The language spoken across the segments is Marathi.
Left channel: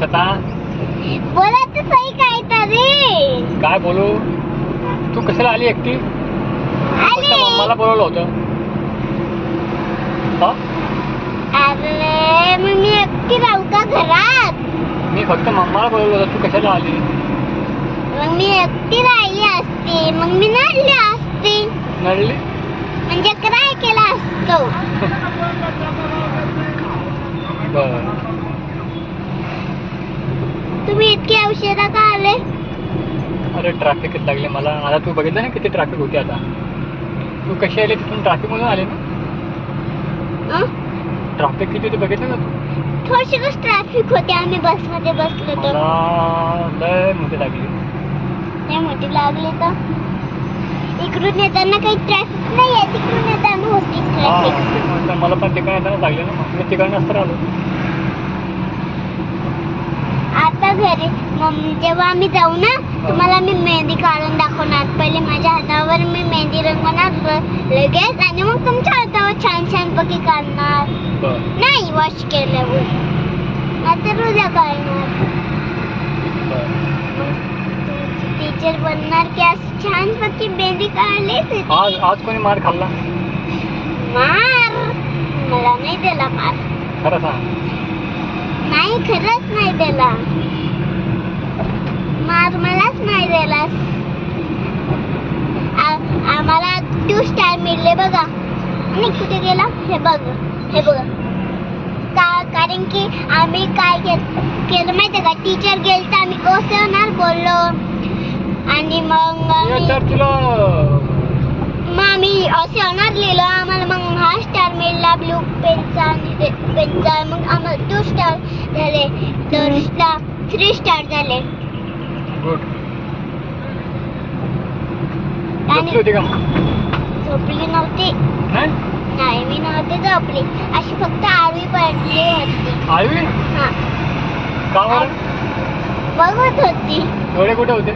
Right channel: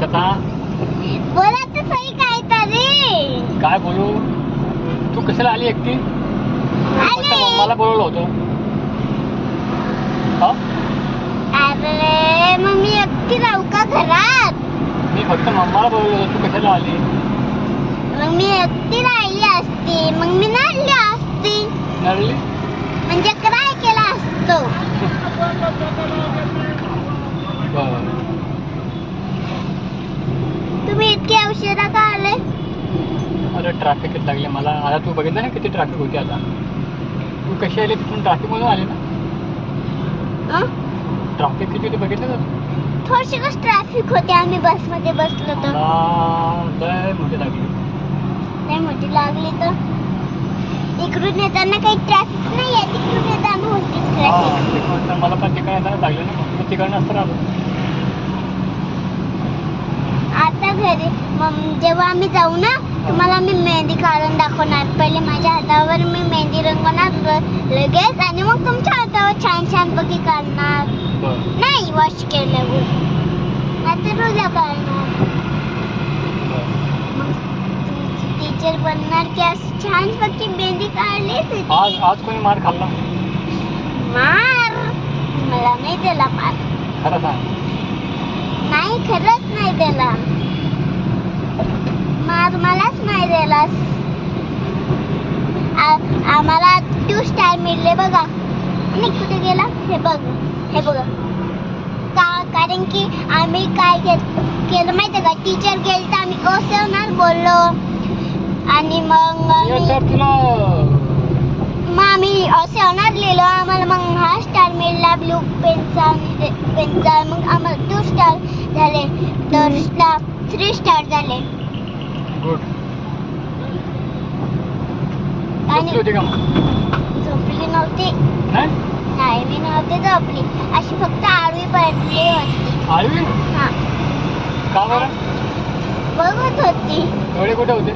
छता बोला तर सही काय तरी. काय बोलू? तू कशाला आली एकटी? फक्त मम्माला बोलवलं होतं. हा? अरे मग मी एकटी राहू का घरात? मी फक्त मम्माला बोलवलं होतं, तू कशाला आली? मग मी एकटी राहिली असती, मग मी नडली असती. नडली? म्हणजे काय केला असतो. बरं. तुम्ही इतके उशिरा का आले? अरे ट्रॅफिकच लागले मला. आता तू बघितलं ना किती ट्रॅफिक होती. आता तू कशी आली? तिथून ट्रॅफिक मधून आली ना? ट्रॅफिक किती होती बघितलं ना तू? थोडीशीच ट्रॅफिक होती. आम्ही बस मध्ये बसलो तर लय मोठी लागली. नाही मोठी लागली तर इकडून येताना काही ट्रॅफिक नाही आहे, तिकडून येताना होती ट्रॅफिक. मला पण तिकडे येताना लागले ना, मग तिकडनं असतं आलो. आता घरी जेव्हा आम्ही जाऊ ना, तुम्हाला मी मेहंदी काढून दाखवणार. पहिले माझ्या हातावर मी मेहंदी रंगवणार लगेच, आणि मग तुमच्या हातावर छान छान पैकी काढणार. नाही वॉश केल्यावर, नाहीतर उद्या काढणार. टीचर बनणार की असं छान पैकी मेहंदी काढली. आज कोणी मार खाल्ला? मार मला नाही दिला मार. खरं सांग. नाही खरंच नाही दिला मार, मलाच नाही दिला. आम्हाला 2 स्टार मिळले बघा. आणि कुठे गेला हे बघा. कारण की आम्ही काय केलं माहिती का, टीचर गेल तर आम्ही कसे होणार बोललो, आणि मग आम्ही असे होणार लिहिलं. आम्हाला मग हा स्टार मिळाला ब्लू पेनचा. मग आम्हाला 2 स्टार झाले, तर 3 स्टार झाले. गुड. झोपली नव्हती. नाही मी नव्हती झोपली, अशी फक्त आळवी पडली होती. आळवी? हा. का बरं? बघत होती. डोळे कुठे होते?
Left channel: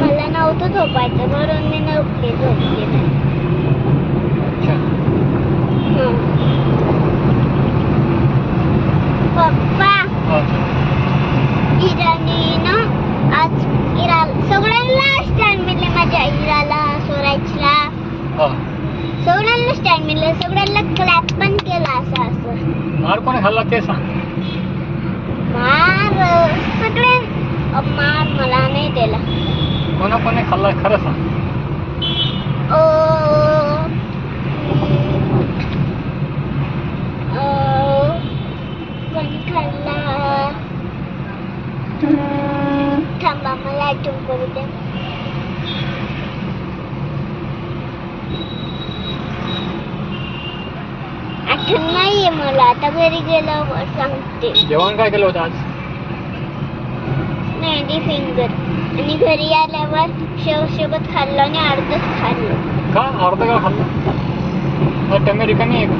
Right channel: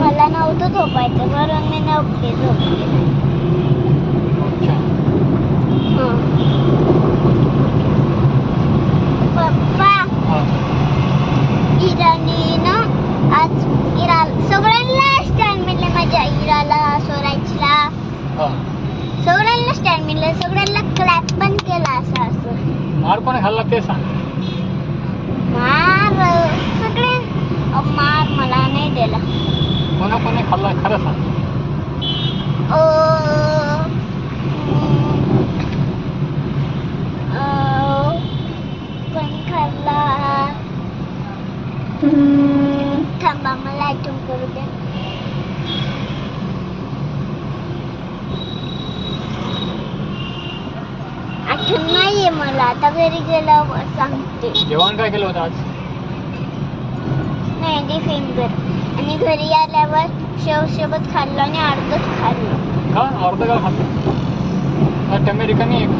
मला नव्हतं झोपायचं, म्हणून मी नव्हती झोपली. अच्छा. पप्पा, इराणी ना आज सगळ्यांना स्टँड मिळले. माझ्या इराला, सोरायचला सगळ्यांना स्टँड मिळले. सगळ्यांना क्लॅप पण केला. असं मार कोणी खाल्ला ते सांग. मार सगळे मार मला नाही दिला. कोणी खाल्ला खरं सांग. पण खाल्ला. थांबा मला आठवण करू दे. आठवण नाहीये मला, आता घरी गेल्यावर सांगते. जेवण काय केलं होतं आज? मेहंदी फिंगर. आणि घरी आल्यावर शेव सोबत खाल्लं आणि अर्धच खाल्लं. का अर्ध का खाल्लं? टमे रिकामी आहे का?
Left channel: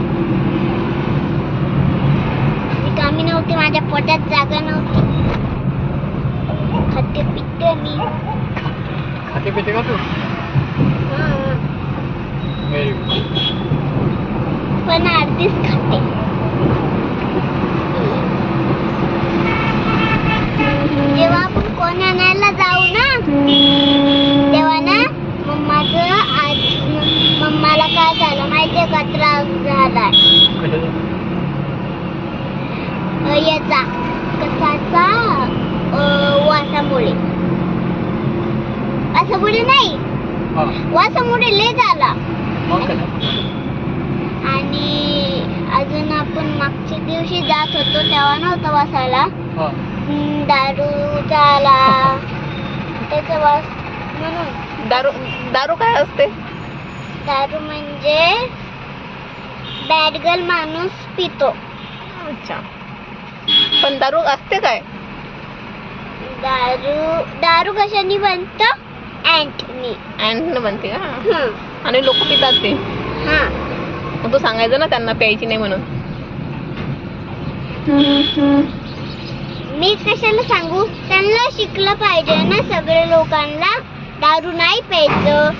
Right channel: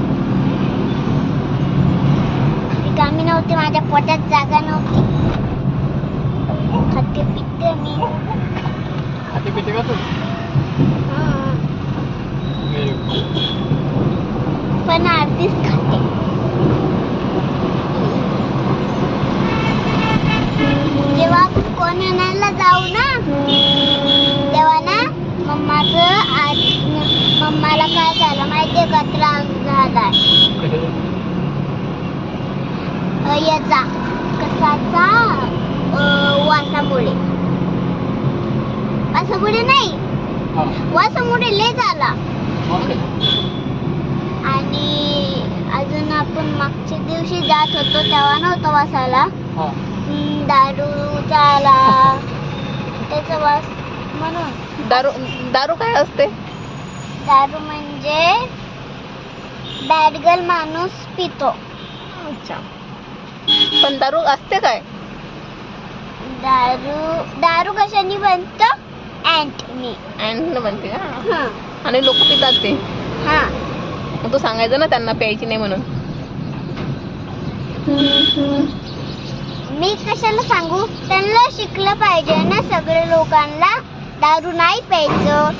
रिकामी नव्हती, माझ्या पोटात जागा नव्हती. खाते पिते मी. खाते पिते का तू? Very good. पण अर्धीच खाते. जेव्हा आपण कोण आणायला जाऊ ना, तेव्हा ना मम्माला काय झालं माहितीये का, त्रास झालाय. याचा कसाचा वासामुळे नाही, वासामुळे लय झाला. आणि अजून आपण मागच्या दिवशी जात होतो तेव्हा नव्हता वासाला. दारू झाला त्याचा वास. म्हणून दारू काय असते? दारू म्हणजे बॅड गर्ल माणूस पितो. अच्छा. पण दारू असते काय? दारू कशाने बनतं? अँट बनते का? आणि लोक पितात ते. मग तू सांगायचं ना त्यांना प्यायची नाही म्हणून. मी कशाला सांगू? त्यांना शिकलं पाहिजे ना सगळ्या लोकांना दारू नाही प्यायचं.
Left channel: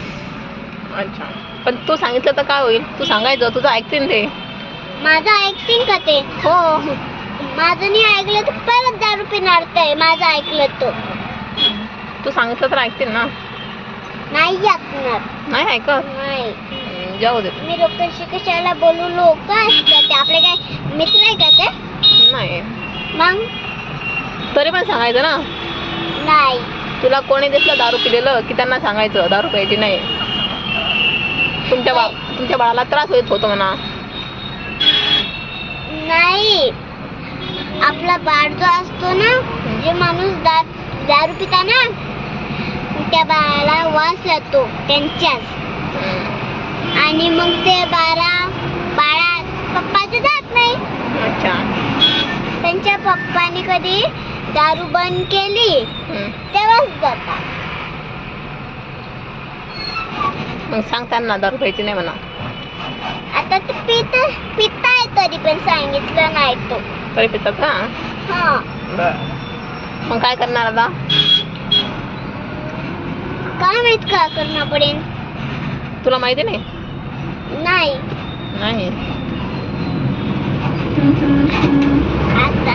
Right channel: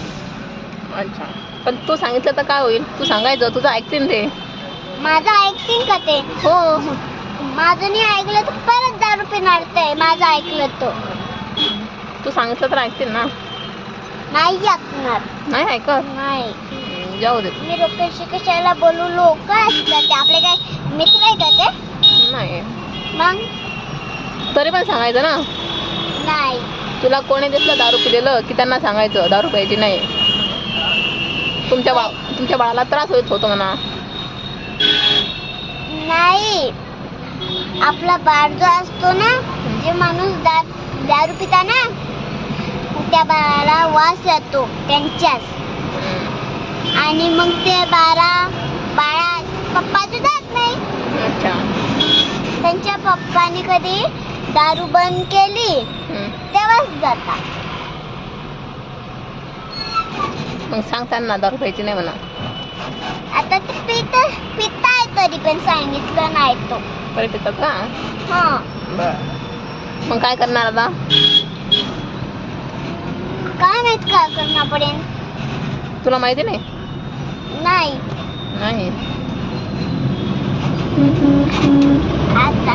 अच्छा. पण तू सांगितलं तर काय होईल? तू सांगायचं, तुझं ऐकतील ते. माझं ऐकतील का ते? हो. माझं नाही ऐकलं तर परत दारू पिणार ते, माझं ऐकलं तर तू सांगितलं तर ऐकतील ना. नाही ऐकणार. नाही ऐकत. नाही, जाऊ दे. मी लोकांशी कशाला बोलू? लोक असतात ते आपले काय मित्र आहे का ते? नाही, मग तरी पण सांगायचं ना. नाही, तुला कोणी दिसलं दारू पिलेलं की त्यांना सांगायचं दारू प्यायची नाही. तुमच्या बाळाला त्रास होतो म्हणा. नाही, आपला बाळ जो असतो ना, जे माणूस दारू पिता ना, त्या बाळाला वास येतो त्यांच्याच, आणि मग ते बाळा पप्पाचं जात नाही. अच्छा. त्यांच्या पप्पाने कधी दारू बंद केली तेव्हाच जातात. मग सांग त्यांना दारू प्यायची नाही म्हणा. आता ते पिताय तरी पण सांगितलं नाही तो. तरी पितात का? हा, मग काय करणार आता? काय माहित काय करणं पडेल. तुला माहिती नाही? नाही, नाही. आता